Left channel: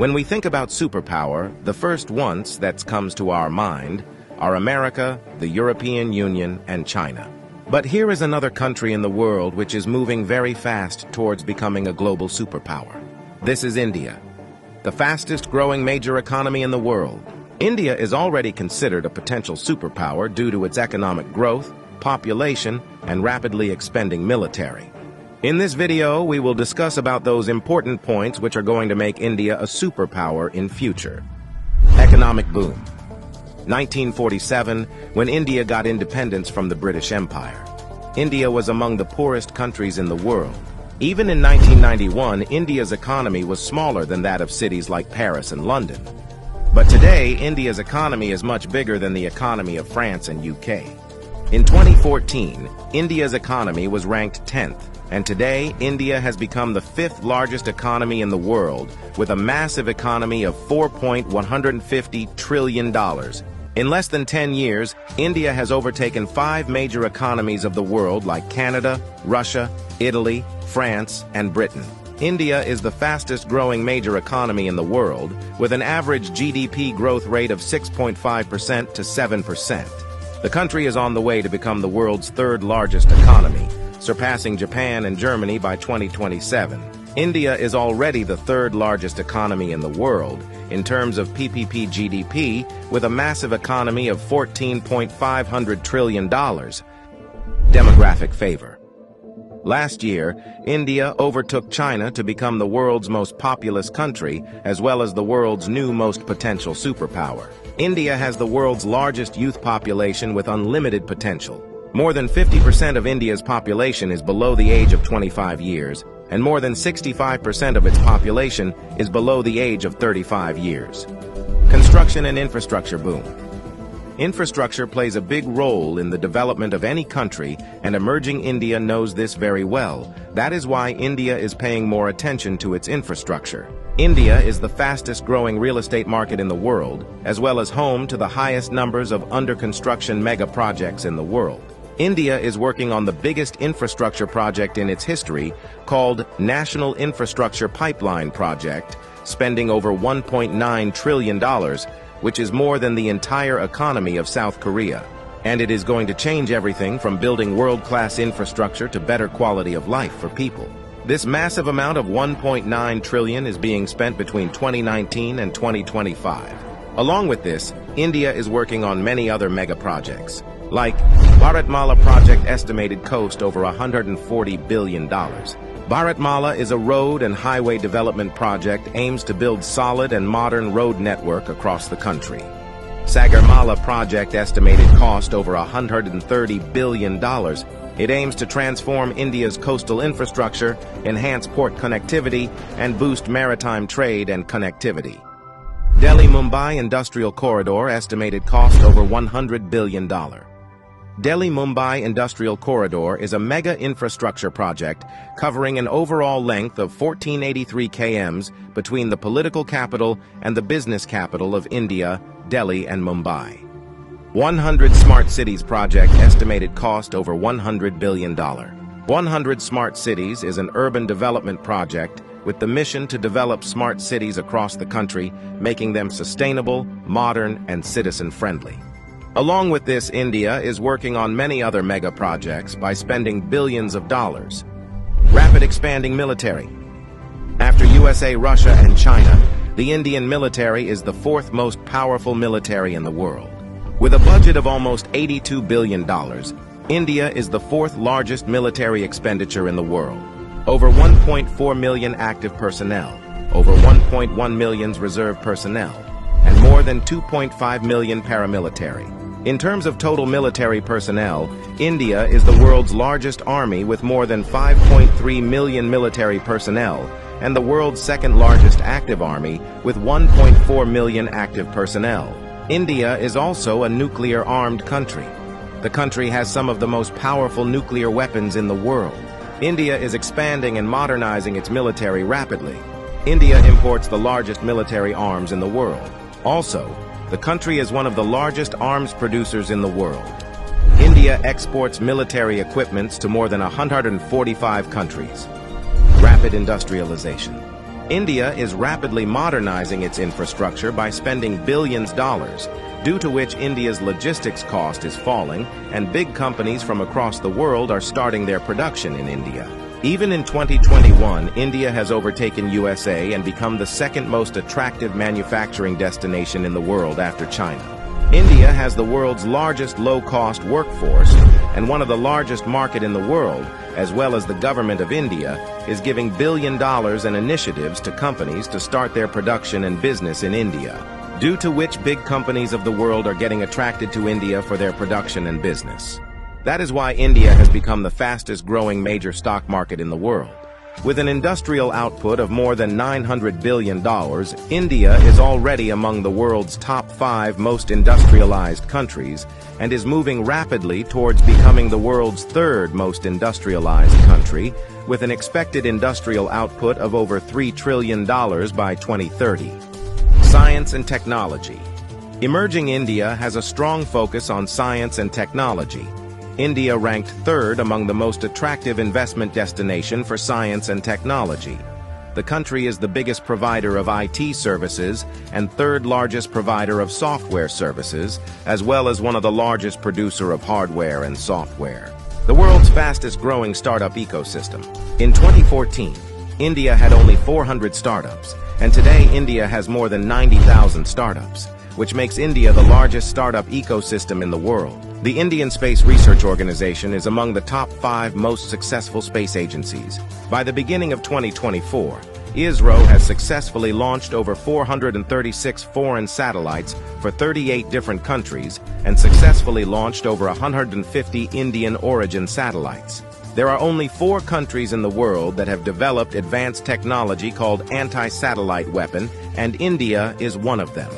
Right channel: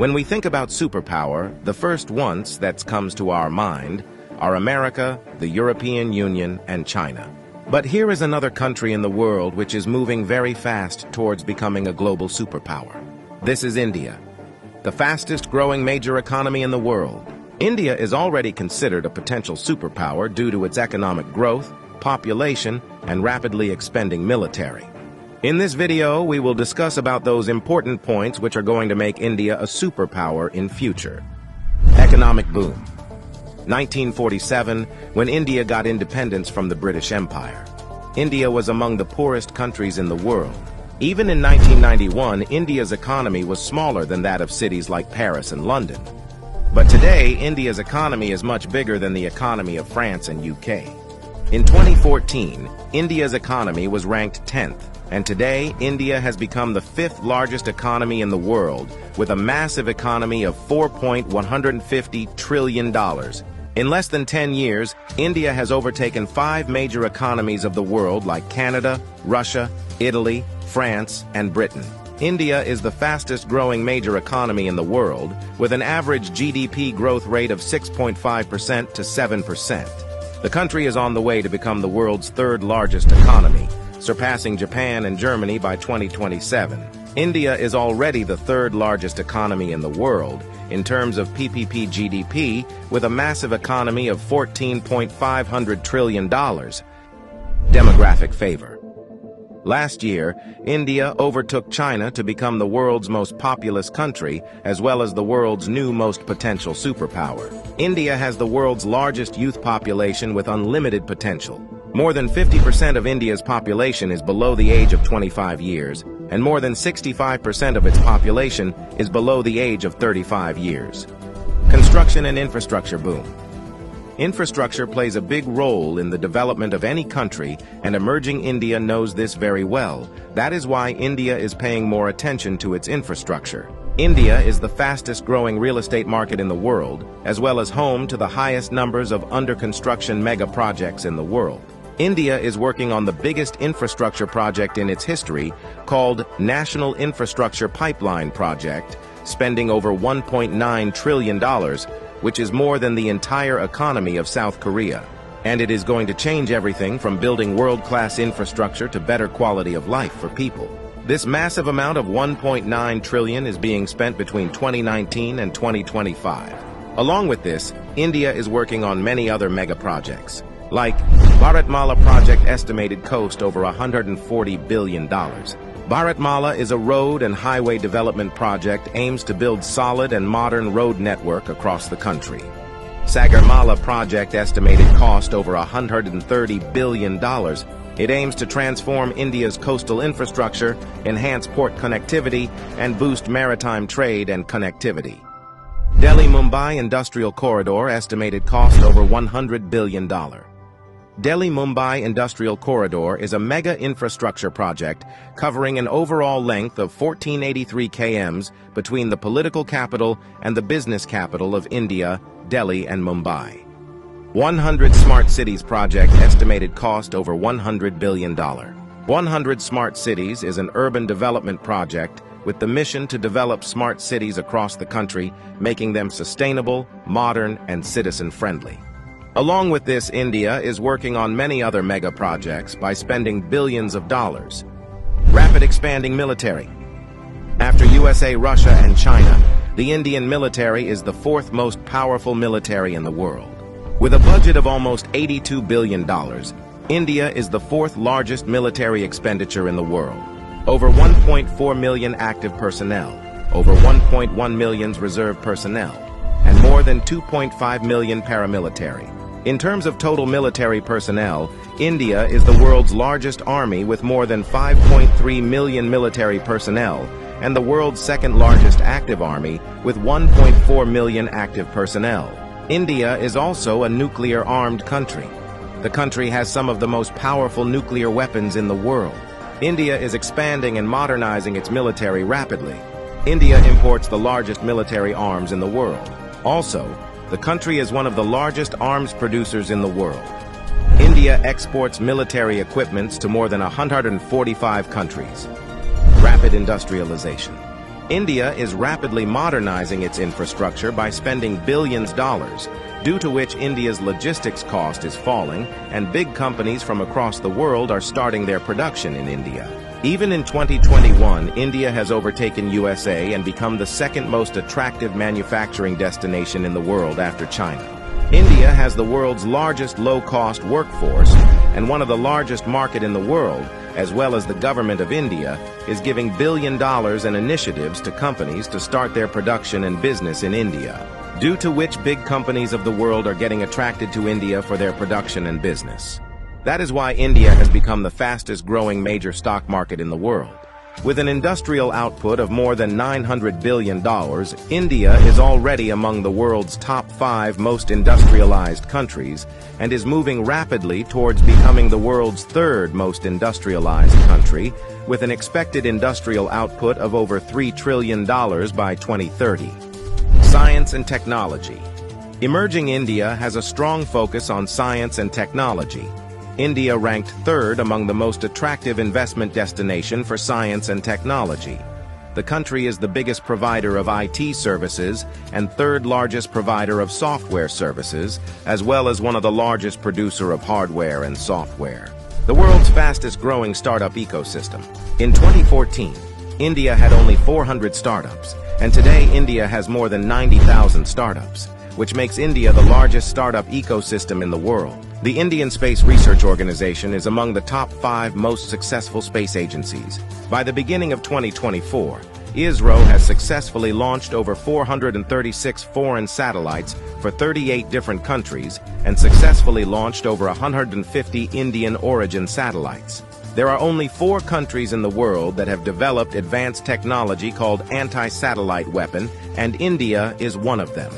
When we think about superpower, the first ones that comes to our mind are America, the European Union, and China. But here is another country in the world which is moving very fast towards becoming a global superpower. This is India, the fastest growing major economy in the world. India is already considered a potential superpower due to its economic growth, population, and rapidly expanding military. In this video, we will discuss about those important points which are going to make India a superpower in future. Economic boom. 1947, when India got independence from the British Empire. India was among the poorest countries in the world. Even in 1991, India's economy was smaller than that of cities like Paris and London. But today, India's economy is much bigger than the economy of France and UK. In 2014, India's economy was ranked 10th. And today, India has become the 5th largest economy in the world, with a massive economy of $4.150 trillion. In less than 10 years, India has overtaken 5 major economies of the world like Canada, Russia, Italy, France, and Britain. India is the fastest growing major economy in the world, with an average GDP growth rate of 6.5% to 7%. The country is on the way to become the world's 3rd largest economy, surpassing Japan and Germany by 2027. India is already the 3rd largest economy in the world in terms of PPP GDP, with a massive economy of $14.5 trillion. Demographic favor. Last year, India overtook China to become the world's most populous country, as well as the world's new most potential superpower. India has the world's largest youth population with unlimited potential. More than 50% of India's population is below the age of 25 years, and more than 65% of its population is below the age of 35 years. Construction and infrastructure boom. Infrastructure plays a big role in the development of any country, and emerging India knows this very well. That is why India is paying more attention to its infrastructure. India is the fastest growing real estate market in the world, as well as home to the highest numbers of under-construction mega projects in the world. India is working on the biggest infrastructure project in its history, called National Infrastructure Pipeline Project, spending over $1.9 trillion, which is more than the entire economy of South Korea. And it is going to change everything from building world-class infrastructure to better quality of life for people. This massive amount of $1.9 trillion is being spent between 2019 and 2025. Along with this, India is working on many other mega projects, like Bharatmala project estimated cost over $140 billion. Bharatmala is a road and highway development project aims to build solid and modern road network across the country. Sagarmala project estimated cost over $130 billion. It aims to transform India's coastal infrastructure, enhance port connectivity, and boost maritime trade and connectivity. Delhi-Mumbai Industrial Corridor estimated cost over $100 billion. Delhi-Mumbai Industrial Corridor is a mega infrastructure project covering an overall length of 1483 km between the political capital and the business capital of India, Delhi and Mumbai. 100 Smart Cities project estimated cost over $100 billion. 100 Smart Cities is an urban development project with the mission to develop smart cities across the country, making them sustainable, modern, and citizen-friendly. Along with this, India is working on many other mega projects by spending billions of dollars. Rapid expanding military. After USA, Russia, and China, the Indian military is the 4th most powerful military in the world. With a budget of almost $82 billion, India is the 4th largest military expenditure in the world. Over 1.4 million active personnel, over 1.1 million reserve personnel, and more than 2.5 million paramilitary. In terms of total military personnel, India is the world's largest army with more than 5.3 million military personnel, and the world's 2nd largest active army with 1.4 million active personnel. India is also a nuclear-armed country. The country has some of the most powerful nuclear weapons in the world. India is expanding and modernizing its military rapidly. India imports the largest military arms in the world. Also, the country is one of the largest arms producers in the world. India exports military equipments to more than 145 countries. Rapid industrialization. India is rapidly modernizing its infrastructure by spending billions of dollars, due to which India's logistics cost is falling, and big companies from across the world are starting their production in India. Even in 2021, India has overtaken USA and become the second most attractive manufacturing destination in the world after China. India has the world's largest low-cost workforce, and one of the largest market in the world, as well as the government of India, is giving billion dollars in initiatives to companies to start their production and business in India, due to which big companies of the world are getting attracted to India for their production and business. That is why India has become the fastest-growing major stock market in the world. With an industrial output of more than $900 billion, India is already among the world's top 5 most industrialized countries and is moving rapidly towards becoming the world's 3rd most industrialized country, with an expected industrial output of over $3 trillion by 2030. Science and technology. Emerging India has a strong focus on science and technology. India ranked 3rd among the most attractive investment destination for science and technology. The country is the biggest provider of IT services and 3rd largest provider of software services, as well as one of the largest producer of hardware and software. The world's fastest growing startup ecosystem. In 2014, India had only 400 startups, and today India has more than 90,000 startups, which makes India the largest startup ecosystem in the world. The Indian Space Research Organization is among the top 5 most successful space agencies. By the beginning of 2024, ISRO has successfully launched over 436 foreign satellites for 38 different countries and successfully launched over 150 Indian origin satellites. There are only 4 countries in the world that have developed advanced technology called anti-satellite weapon, and India is one of them.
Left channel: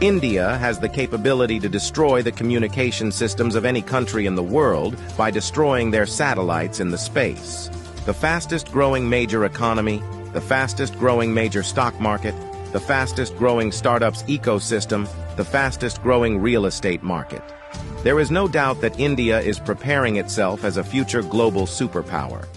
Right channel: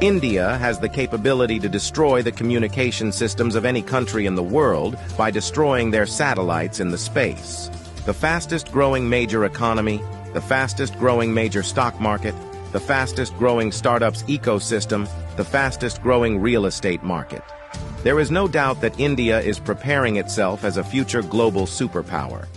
India has the capability to destroy the communication systems of any country in the world by destroying their satellites in the space. The fastest-growing major economy, the fastest-growing major stock market, the fastest-growing startups ecosystem, the fastest-growing real estate market. There is no doubt that India is preparing itself as a future global superpower.